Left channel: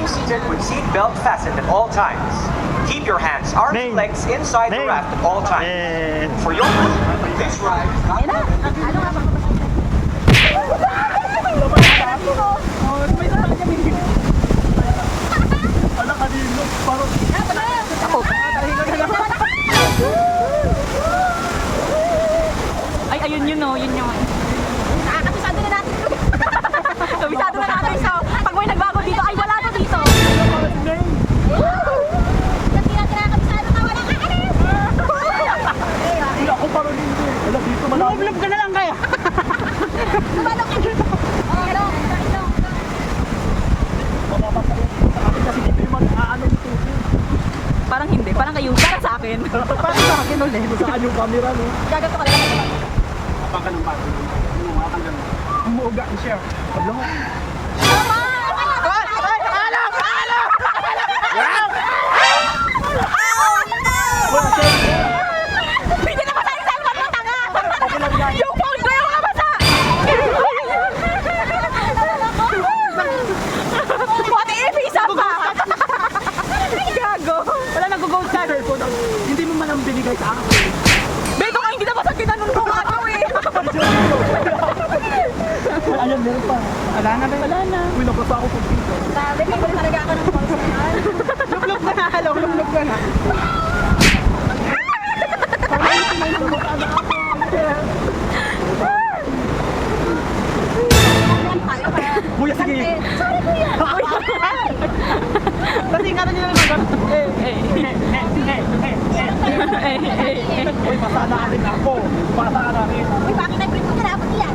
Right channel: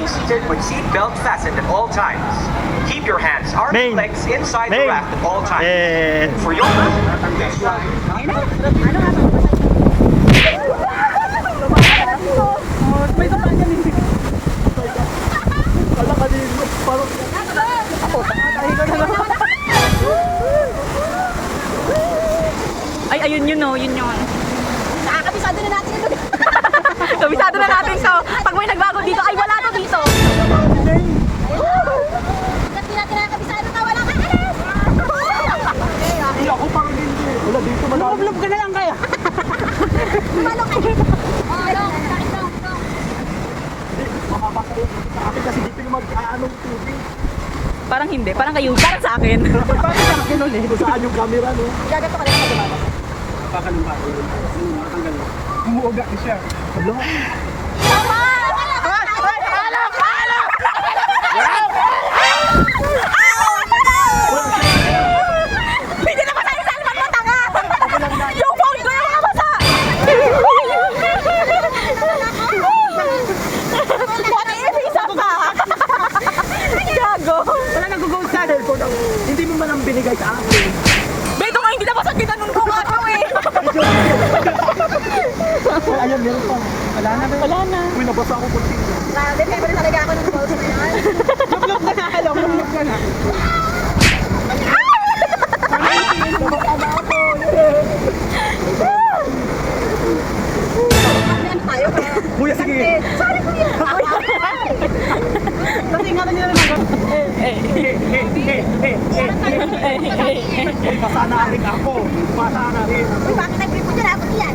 Remain seated with seat belt fastened at all times. Keep your hands, arms, and legs inside the raft at all times. For your this ride, Ayun na. Ano nga ba? Oh, may tamaan niya, hindi. Ano kanino? Ako, tahi ko na naman. Ay, ayun yun o, yun yun. Kabisado na natin ito. Kabisado na natin. So, pag may nagbago dito, ay wala na dito. Kasi natin nakakabisado na wala ka alis. Wala ako parang hindi. Wala dito malaki. Loob ka na lang kayo. Tumalong ka. Oh, long. Mamapasok. Kasi dito yung mag-aanong tubig. Parang hindi, parang kayo, parang sa akin. Parang sa akin ulit. Saan yung camera, no? Gagato ka na. Baka ng bago. Natanggal. Umuuga siya. Hablo. Tama! Hindi na ba tayo salman mo, tanga? Yung phone ko yung mga basa! Buti i-visa pa! Gago! Wala nag-gold card. Hindi mo man ang binigay sa akin. Beto nga hindi na basta tinanong ko nga ito eh! Ayan, meron pa. Wala na. Wala na. Uy, nabasa ako kung dito. Sabi, may pala talaga ako ng photo na yan. Lublog na. Hello, lublog na na. Ano tayo ka? Kuya, sige. Sorry kuya. Kasi nga na nila naman. Uy, pasa natin ako. Pasa natin. Uy, bakit nag-brief mo dyan? Dapat yan.